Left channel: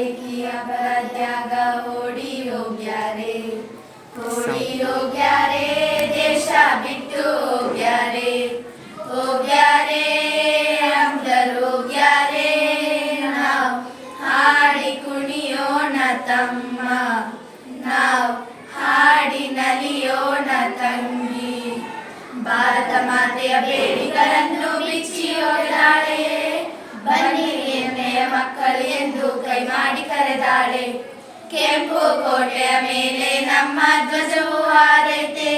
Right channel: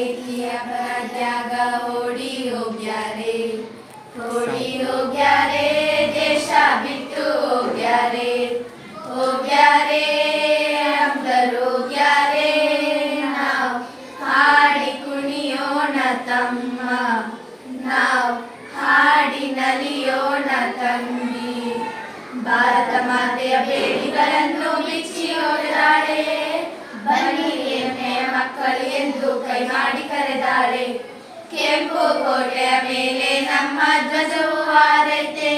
ಏಕಿಯ ಪರತ್ಯಾಗ ಓಡಿ ಹೋಗ್ಯಾರೆ, ಓಡಿ ಹೋಗ್ಯಾರೆ, ದೇಶ ಬಿಟ್ಟು ಹೋಗ್ಯಾರೆ, ಹೋಗ್ಯಾರೆ ಅಂಬರೋಗ್ಯಾರೆ. ನಾವು ಹಾಡಿ ಕುಣಿಯೋಣ ತಮ್ಮ, ನಾವು ಹಾಡಿ ನಲಿಯೋಣ ತಂಗಿ. ಭಾರತ ಮಾತೆಯ ಬೇಡಿಗಳನ್ನು ಬಿಚ್ಚಿ ಹೊಡೆದಾಳೆ, ಬನ್ನಿ ಎಮ್ಮೆಯ ಮಕ್ಕಳು ಎಂದು ಕೈ ಮಾಡಿ ಕರೆದಾಳೆ. ಕೆಂಪು ಕೋಟೆಯ ಮೇಲೆ ನಮ್ಮ ಧ್ವಜವು ಹಾರೈತೆ,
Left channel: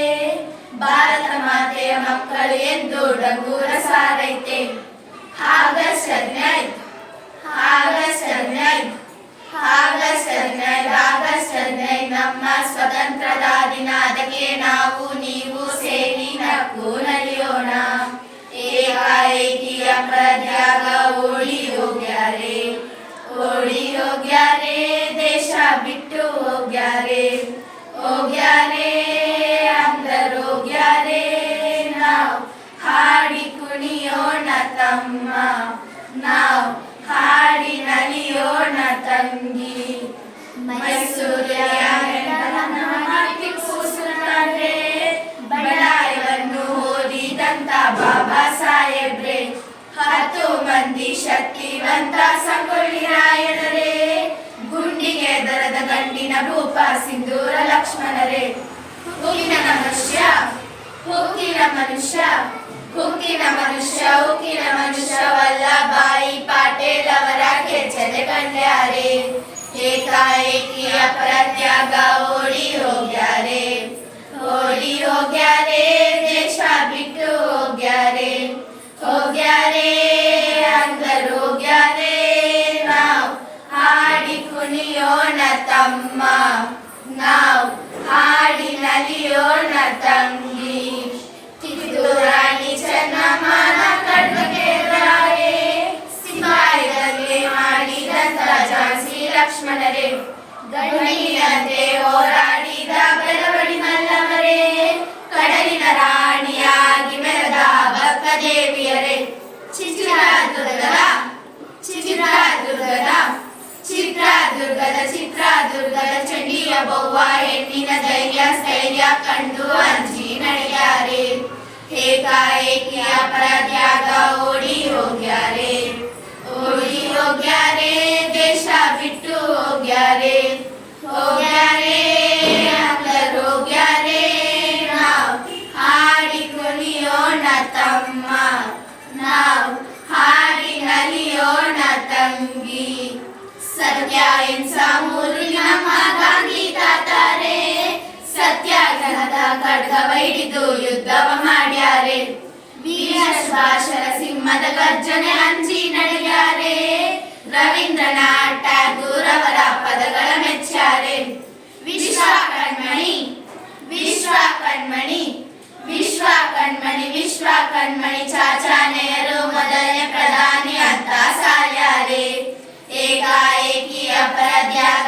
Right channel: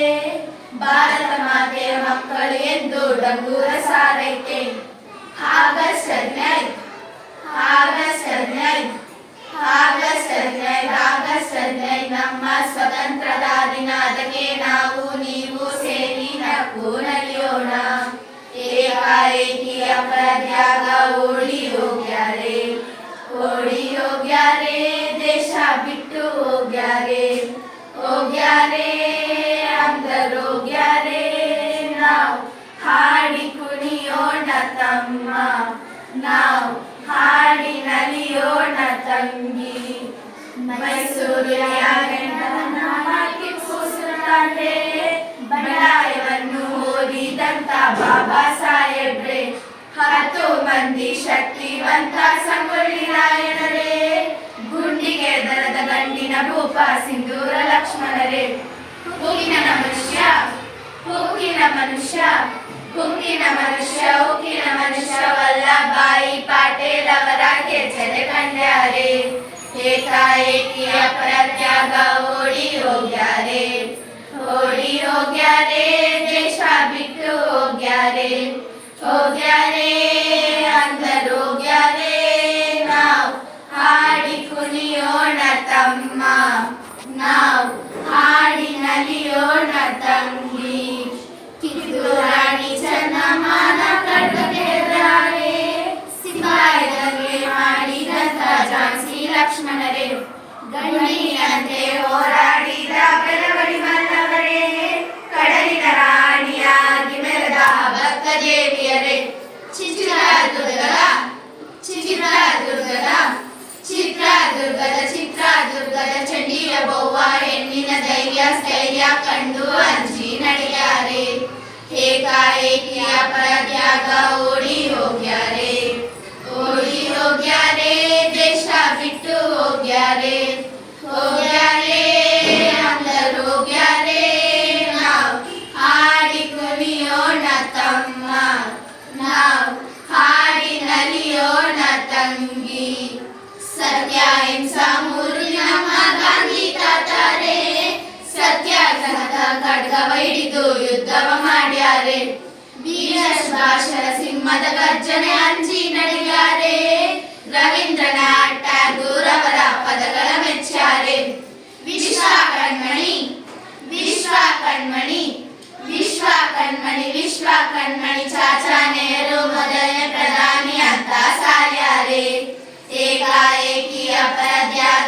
ಭಾರತ ಮಾತೆಯ ಮಕ್ಕಳು ಎಂದು ಡಂಗೂರ ಸಾರೈತೆ. ಆಗಸ್ಟ್ 15, ಆಗಸ್ಟ್ 15, ಆಗಸ್ಟ್ 15, ಆಗಸ್ಟ್ 15 ನಮ್ಮ ಸ್ವತಂತ್ರದ ದಿನ. ಅದಕ್ಕೆ ನಾವು ನೀವು ಸೇರಿ ನಕ್ಕು ನಲಿಯೋಣ. ಏಕಾಏಕಿಯ ಪ್ರತ್ಯಾಗ ಓಡಿ ಹೋಗ್ಯಾರೆ, ಓಡಿ ಹೋಗ್ಯಾರೆ, ದೇಶ ಬಿಟ್ಟು ಹೋಗ್ಯಾರೆ, ಹೋಗ್ಯಾರೆ ಅಂದರೋಗ್ಯಾರೆ. ನಾವು ಹಾಡಿ ಕುಣಿಯೋಣ ತಮ್ಮ, ನಾವು ಹಾಡಿ ನಲಿಯೋಣ ತಂಗಿ. ಮೈಸೂರಿನ ಟಿಪ್ಪು ಸುಲ್ತಾನ್ರೆ, ಬಂಡಾಯವನ್ನು ಓದಿದಂತ ಬಾಬಾ ಸಾಹೇಬ್ರೆ, 10 ಮಂದಿ ಶಕ್ತಿವಂತ ಸಂಗೊಳ್ಳಿ ರಾಯಣರೇ, ಗುಂಡಿಗೆ ದರದ ಗಂಡಿನ ಭೂಪ ಸಿಂಧೂರ ಲಕ್ಷ್ಮಣರೇ. ಉಕ್ಕಿನ ಮನುಷ್ಯ, ಉಕ್ಕಿನ ಮನುಷ್ಯ, ಉಕ್ಕಿನ ಮನುಷ್ಯ, ಉಕ್ಕಿನ ಮನುಷ್ಯ ವಲ್ಲಭಾಯಿ ಪಾಟೀಲ್ ಅವರ ಕೆಚ್ಚದೆ ಕಂಡ್ಯಾರೆ. ಏಕಾಏಕಿಯ ಪ್ರತ್ಯಾಗ ಓಡಿ ಹೋಗ್ಯಾರೆ, ಓಡಿ ಹೋಗ್ಯಾರೆ, ದೇಶ ಬಿಟ್ಟು ಹೋಗ್ಯಾರೆ, ಹೋಗ್ಯಾರೆ ಅಂದರೋಗ್ಯಾರೆ. ನಾವು ಹಾಡಿ ಕುಣಿಯೋಣ ತಮ್ಮ, ನಾವು ಹಾಡಿ ನಲಿಯೋಣ ತಂಗಿ. ಕಿತ್ತೂರು ರಾಣಿ ಚೆನ್ನಮ್ಮನ ಖಡ್ಗಕ್ಕೆ ಎದುರಾರೆ, ಸಿಪಾಯಿಗಳಿಗೆ ಮಾಡಿದಂತ ಝಾನ್ಸಿ ಲಕ್ಷ್ಮಣರೇ, ಗಂಡಿನಂತೆ ಹೋರಾಡಿದ ಬೆಳವಡಿ ಮಲ್ಲವರೇ, ಕಡಲಿನ ರಾಣಿಯಾಗಿ ಮೆರೆದ ಭಕ್ತದೇವಿಯರೇ, ಚಿತ್ರದುರ್ಗದ ಚಿತ್ರದುರ್ಗದ ಚಿತ್ರದುರ್ಗದ ಚಿತ್ರದುರ್ಗದ ಚಂಡಿಯ ಬೌವ ಹೆಣ್ಣಿನ ಧೈರ್ಯ ಸ್ಥೈರ್ಯ ಕಂಡು ಅಂಜಿ ನಡೆಯಾರೆ. ಏಕಾಏಕಿಯ ಪ್ರತ್ಯಾಗ ಓಡಿ ಹೋಗ್ಯಾರೆ, ಓಡಿ ಹೋಗ್ಯಾರೆ, ದೇಶ ಬಿಟ್ಟು ಹೋಗ್ಯಾರೆ, ಹೋಗ್ಯಾರೆ ಅಂದರೋಗ್ಯಾರೆ. ನಾವು ಹಾಡಿ ಕುಣಿಯೋಣ ತಮ್ಮ, ನಾವು ಹಾಡಿ ನಲಿಯೋಣ ತಂಗಿ. ಸತ್ಯ ಅಹಿಂಸಾ ಮೂರು ನಮ್ಮ ಗಾಂಧಿ ತಾತಾರೆ, ಸತ್ಯಾಗ್ರಹದ ಖಡ್ಗವ ಹಿಡಿದು ಯುದ್ಧವ ಮಾಡ್ಯಾರೆ. ವೀರ ಸುಭಾಷರ ಸಿಂಹದ ಗರ್ಜನೆ ಅಂಜಿ ನಡೆಯಾರೆ, ರವೀಂದ್ರನಾಥ್ ಠಾಗೂರ್ ಅವರ ಪದಗಳ ಮೆಚ್ಚಾರೆ. ವಿಶ್ವ ಕಣ್ಮಣಿ, ವಿಶ್ವ ಕಣ್ಮಣಿ, ವಿಶ್ವ ಕಣ್ಮಣಿ, ವಿಶ್ವ ಕಣ್ಮಣಿ ಚಾಚಾ ನೆಹರು ಮೊದಲನೇ ಪ್ರಧಾನಿ ಅಂತ ಸಾರ್ಯಾರೆ. ಏಕಾಏಕಿಯ ಪ್ರತ್ಯಾಗ